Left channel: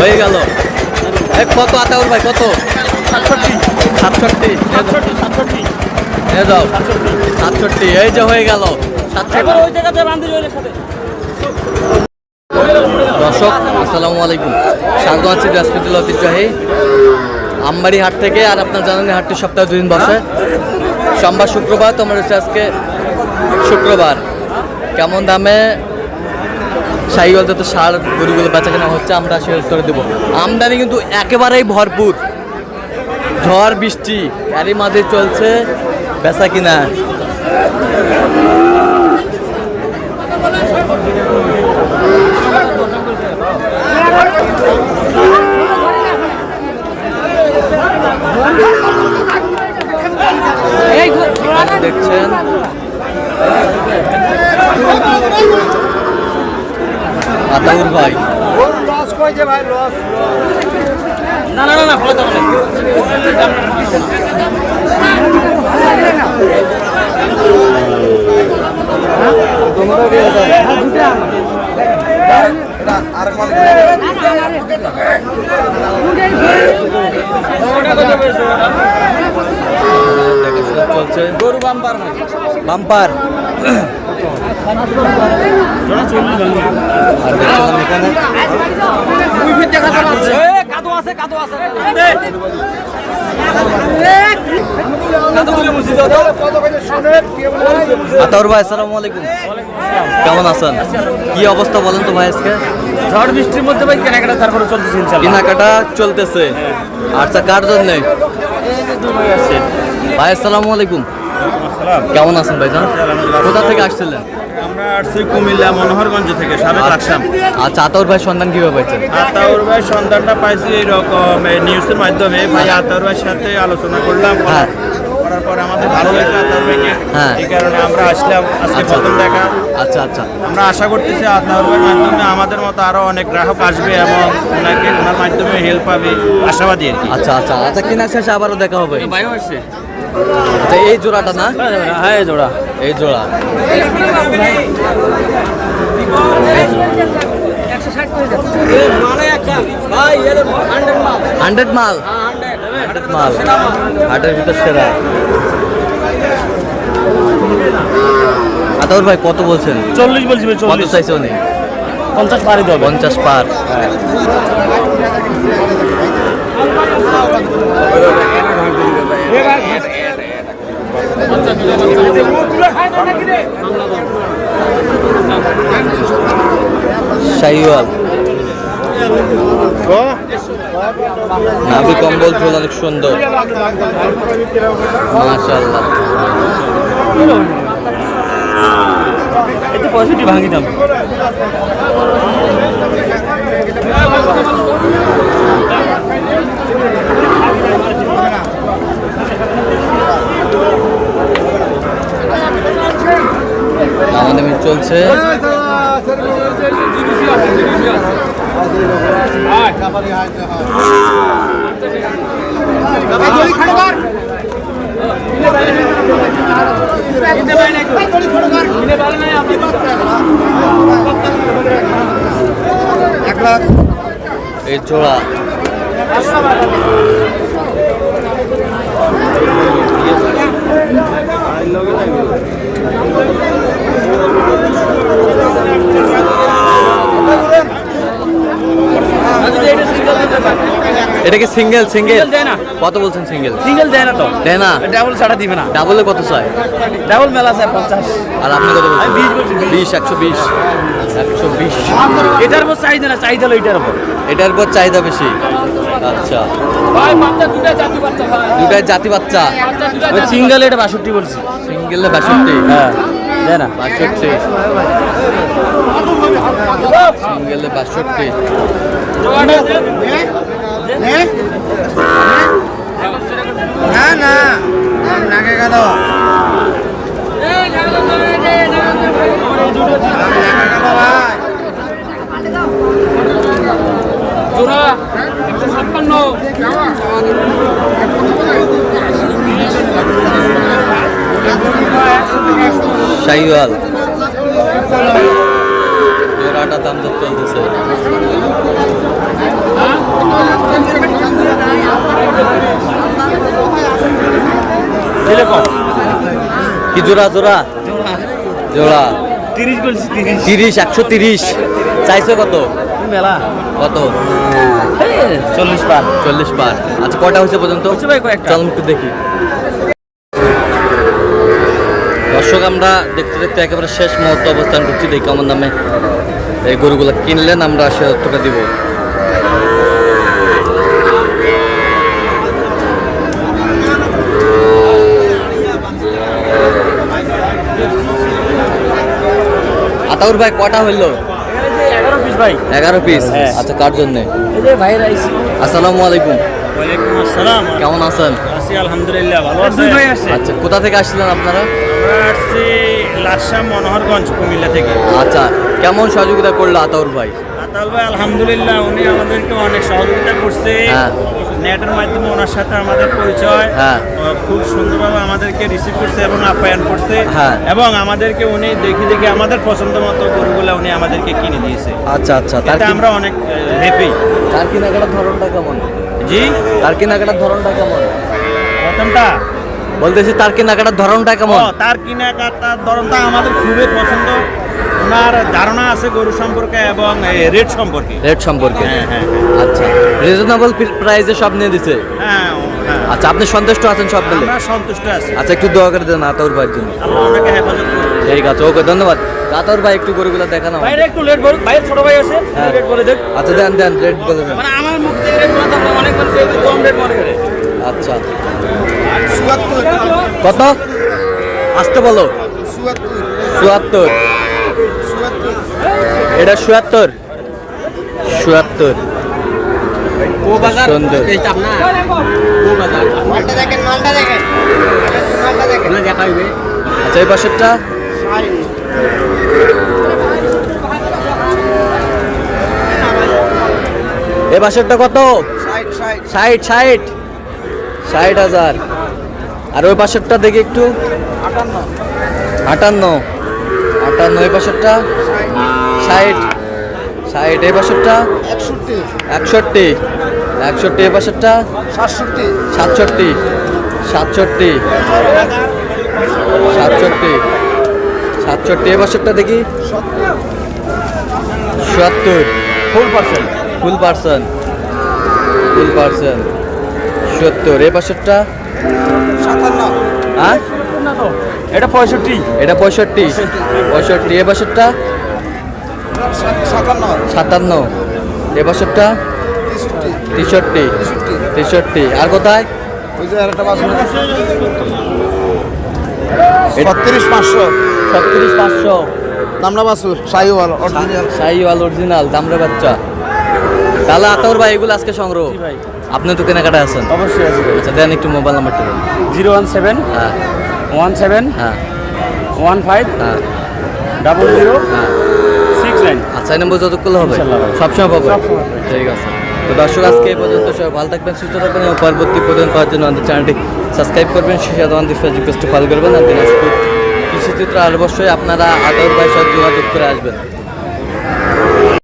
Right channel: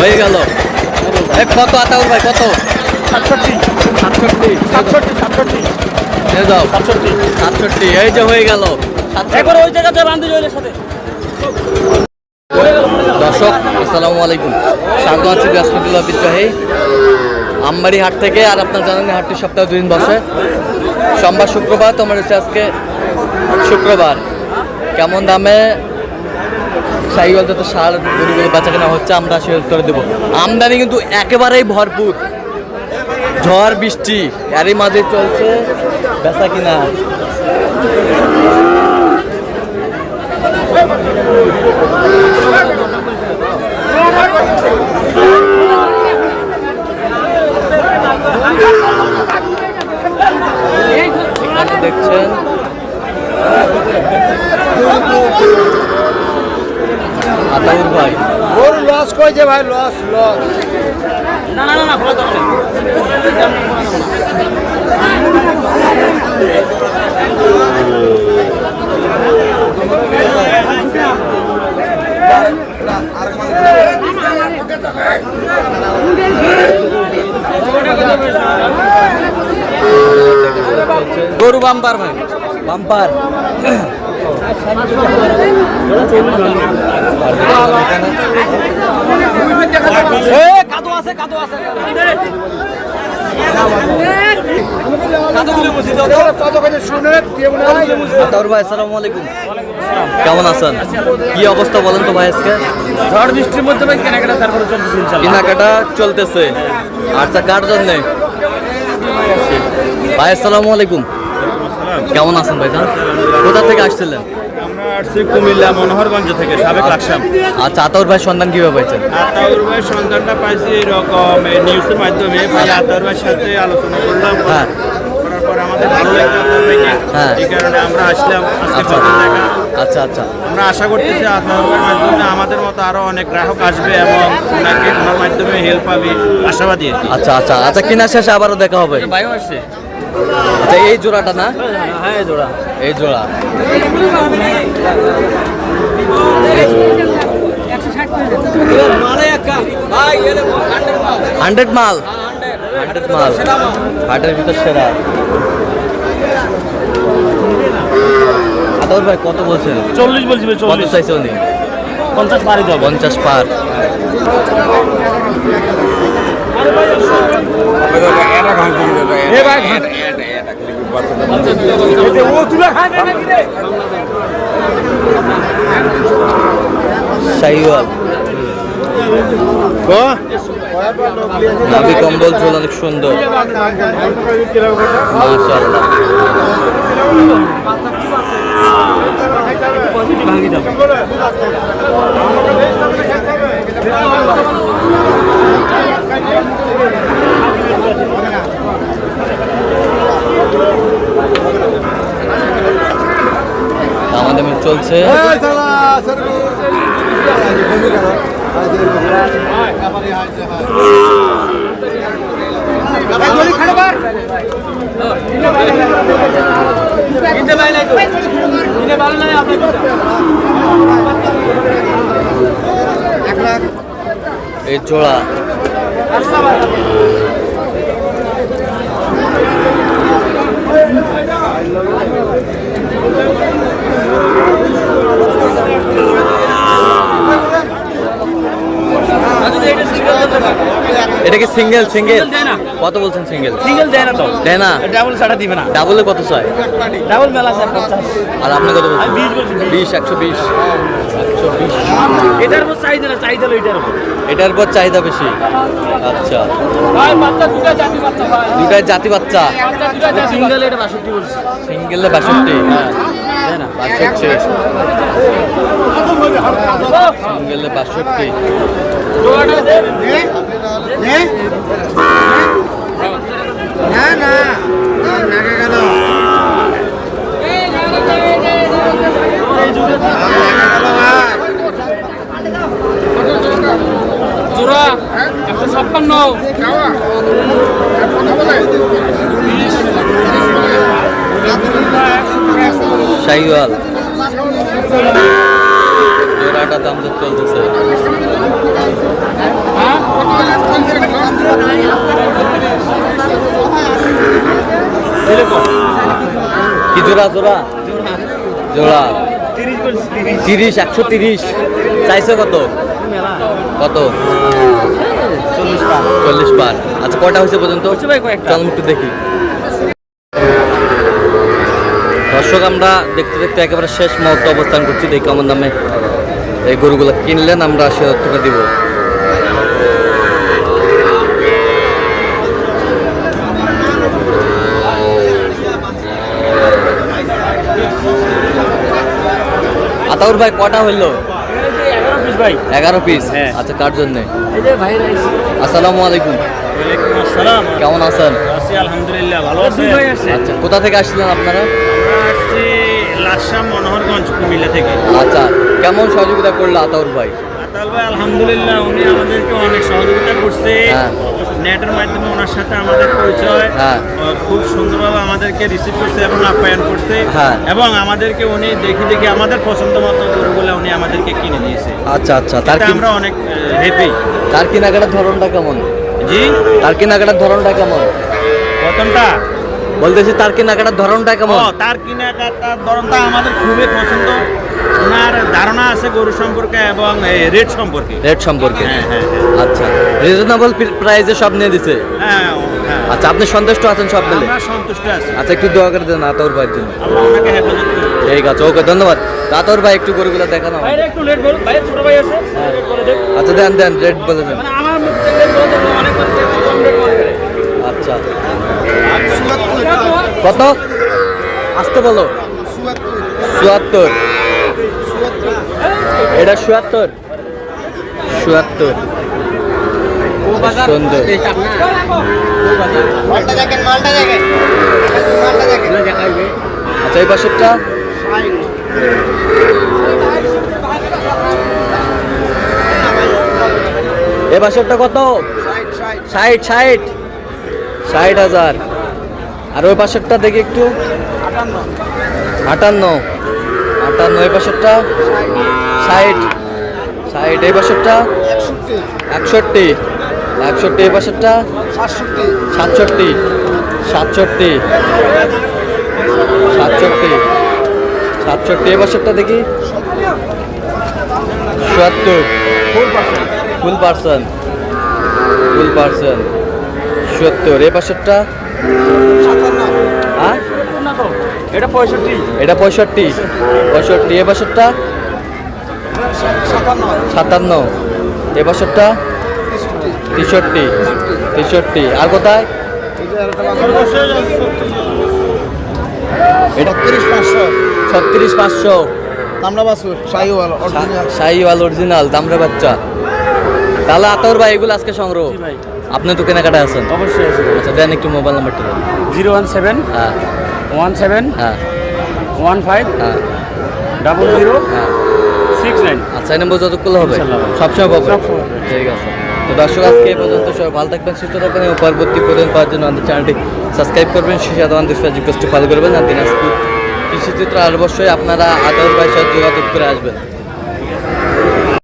হয়ে গেল। কত আতাউর ভাই, কত? 67 67 67 নিয়ে যাও। 67 এই যে হয়ে গেল 67। দর্শক আসসালামু আলাইকুম, স্বাগত আছি দিনাজপুর ঐতিহ্যবাহী আমবাড়ি হাট থেকে। আর আপনার জানেন হাটটি সপ্তাহে 2 দিন বসে, সোমবার শুক্রবার। তোমার হচ্ছে আজকে শুক্রবার। কেমন দামে শাহিওয়াল যত সার গরুগুলো বেচা কেনা হচ্ছে আমরা সে উত্তরে দেবো। আমদানি কিন্তু একেবারেই ভরপুর, ঝড় বৃষ্টি এরই মাঝে চলছে বেচা কিনা। এখানে দেখছেন আতাউর ভাই। লস কইছে ভাই, লস না না না গরু বাম্পার ভাই, বাম্পার। আর দেখছিলাম এখানে কাদো আছে কাদো আছে। আতাউর ভাই আসসালামু আলাইকুম, কেমন আছেন? কি অবস্থা বলেন তো ভাই আজকে? ঝড় বৃষ্টির মধ্যে ভাই কেনাকাটা তারপরে চলতেছে ইনশাআল্লাহ। কেনাকাটা চলতেছে। আচ্ছা, কার জন্য ভাই? আসসালামু আলাইকুম, কেমন আছেন ভাই? কোথা থেকে আসছিলেন? আমরা আসছি কুমিল্লা মনোহরগঞ্জ থেকে, সাবেক রাখসাম। আচ্ছা, আতাউর ভাই সন্ধান কিভাবে পাইছেন? আতাউর ভাই সন্ধানটা পাইছি এরকম নিউজের মাধ্যমে। ভাই আতাউর ভাইয়ের সাথে আলোচনা করলাম, হ্যাঁ। করার পরে আমাদের ভালো লাগলো আতাউর ভাইকে। হ্যাঁ। এই কারণে আমরা আসলাম আজকে আচ্ছা প্রথম দেখা। আচ্ছা আচ্ছা আমরা আশা করতেছি আতাউর ভাইয়ের মাধ্যমে আমাদের মতো আরো অনেক গ্রাহক আসবে এবং ওনার মাধ্যমে হেল্প পাবে, আশাবাদী। আচ্ছা আচ্ছা আচ্ছা কিনা শেষে আবারও দেখা হবে। ভাইও আসছে। আচ্ছা, এই জোড়াটা না? হ্যাঁ এই জোড়া। এই জোড়া 100 মাল, 100 মাল হাটের ভিতর সেরা। আতাউর ভাই কত বলছেন? 40 বলছি ভাই, কত 40 চাইছে উনি? 50 পারি দাও। 50 পার। শাহিওয়াল নাভি কম্বল চুল অনেক সুন্দর, মাশাআল্লাহ। আমাদের চলছে। এই জোড়া এটা কি সিঙ্গেল? সিঙ্গেল কত বলছেন? সিঙ্গেল সিঙ্গেল দেয় না তো, দেয় না। ডাবল ছাড়া দিবে না। ডাবলে কত চাই? ডাবল মেলা আছে 50। আর আপনি কত বলছেন? 20 বলছি। 20, 120, 120। এটার উপর চাহিদা না, চাহিদা হলো এটার উপর। এটার উপর চাহিদা বেশি। আচ্ছা, ভাই বাচ্চা দুটা জাতি বাচ্চা ভাই, দুটাই জাতি বাচ্চা। সিঙ্গেল এটা 62 বলছি। সিঙ্গেলে 62, হ্যাঁ দেয় না 62, সিঙ্গেলে 62। না না নাকে গেল জোড়া 156। শাহিওয়াল জোড়াটা দাম দর চলতেছে। কি জোড়া জোড়া জোড়া 30 130 চাইছে কত কত 40 পার। আচ্ছা কয়টা হয়েছে পর্যন্ত? চল একটু দেখি। দর্শক আমরা দেখতে দেখতে একেবারে শেষ মুহূর্তে অবস্থান করছি। দেখি কেমন দামে এই গরুগুলো কিনলেন, আমরা সে তথ্যটা দিব। আতাউর ভাই কটা হইলো? 11 পিস। আচ্ছা কার জন্য? আসসালামু আলাইকুম। ওয়ালাইকুম আসসালাম। কেমন আছেন? আছি আলহামদুলিল্লাহ, ভালো আছি। আচ্ছা কোথা থেকে আসছিলেন আপনারা? আমরা আসছি লাকসাম মনোহরগঞ্জ কুমিল্লা থেকে। আচ্ছা কেমন সহযোগিতা করলো আতাউর ভাই? আতাউল ভাই আলহামদুলিল্লাহ উনি আমাদেরকে অনেক সহযোগিতা করছে। হ্যাঁ। নেটের মাধ্যমে ওনার সাথে আমাদের পরিচয়। হ্যাঁ। ও খুব সুন্দরভাবে আমাদেরকে রিসিভ করছে এবং আপ্যায়ন করছে। হ্যাঁ। এবং আমাদেরকে উনি দেখি আমরা পছন্দ মতো গরুগুলো উনি আমাদেরকে কিনে দিয়েছে। আচ্ছা আচ্ছা তার তাতে আমরা অনেক হ্যাপি। তার কেনাকাটার ধরনটা কেমন? জি তার কেনাকাটার ধরনটা কেমন প্রথমটা বলতেছি, তার কেনাকাটার ধরনটা কেমন? তার কেনাকাটার ধরনটা আমাদের খুবই পছন্দ। ওনার ধারণা আছে গরু সম্পর্কে এবং রেট সম্পর্কে। রেট সম্পর্কে? হ্যাঁ হ্যাঁ হ্যাঁ। আচ্ছা রিজনেবল প্রাইসে সব নিয়ে দিছে? হ্যাঁ হ্যাঁ। আচ্ছা আপনি সন্তুষ্ট আছেন সব মিলে? আমরা সন্তুষ্ট আছি। আচ্ছা একটু দোয়া করে দেন আতাউর ভাইয়ের জন্য। আল্লাহ ওনাকে হেফাজত করুন। ঠিক আছে ওকে ধন্যবাদ। আতাউর ভাই একটু গরুগুলো দেখানো আমাদের। একটু লেট বল ভাই, ছোট ভাই আছে লেট করে দেখ। আচ্ছা দেন দেন রেট বলে দেন। মানে আমার মুখ থেকে লেট বলা তো অনেক করছে, কম রেট মনে করে। আচ্ছা কত আসতে বলো? 74। এটা 77 77 সুন্দর। আচ্ছা এই পাশেরটা এ পাশেরটা কত? 60,000। আর ওই পাশেরটা দেখি একটু 58 এই পাশেরটা 60 এই পাশেরটা 61 এই পাশেরটা 67 এই পাশেরটা দেখি 77 ফুল পার্সন 70 এই পাশেরটা হ্যাঁ এটা 65। এটা 65 এই পাশেরটা 57 এই পাশেরটা 63 আর কোথায়? 36,500 দামরা বাসুর শাহিওয়াল শাহিওয়াল অরিজিনাল দামরা বাচ্চা। তাহলে আতাউর ভাই এগুলো আজকে সংগ্রহ? আপনি তো কেনাকাটা আছেন? অবশ্যই আছে। আচ্ছা দেন একটু মোবাইল নাম্বারটা দেন। 017 হ্যাঁ 17 হ্যাঁ 15 হ্যাঁ 00 হ্যাঁ 69। আচ্ছা এই নম্বর যত করলে হবে? ইনশাআল্লাহ ভাই। সবসময় পাবে? সবসময় পাবে। ঠিক আছে। তো দর্শক আজকে এই পর্যন্ত, সবাই ভালো থাকবেন সুস্থ থাকবেন এবং পরবর্তী প্রতিদিন পাওয়ার জন্য আমাদের চ্যানেলটি সাবস্ক্রাইব করবেন, সেই সাথে আমাদের ফেসবুক পেজটি ফলো করবেন। আর দিনাজপুর কৃষিচিত্র আর অবশ্যই আপনারা আতাউর ভাইয়ের সাথে যোগাযোগ করে আসবেন।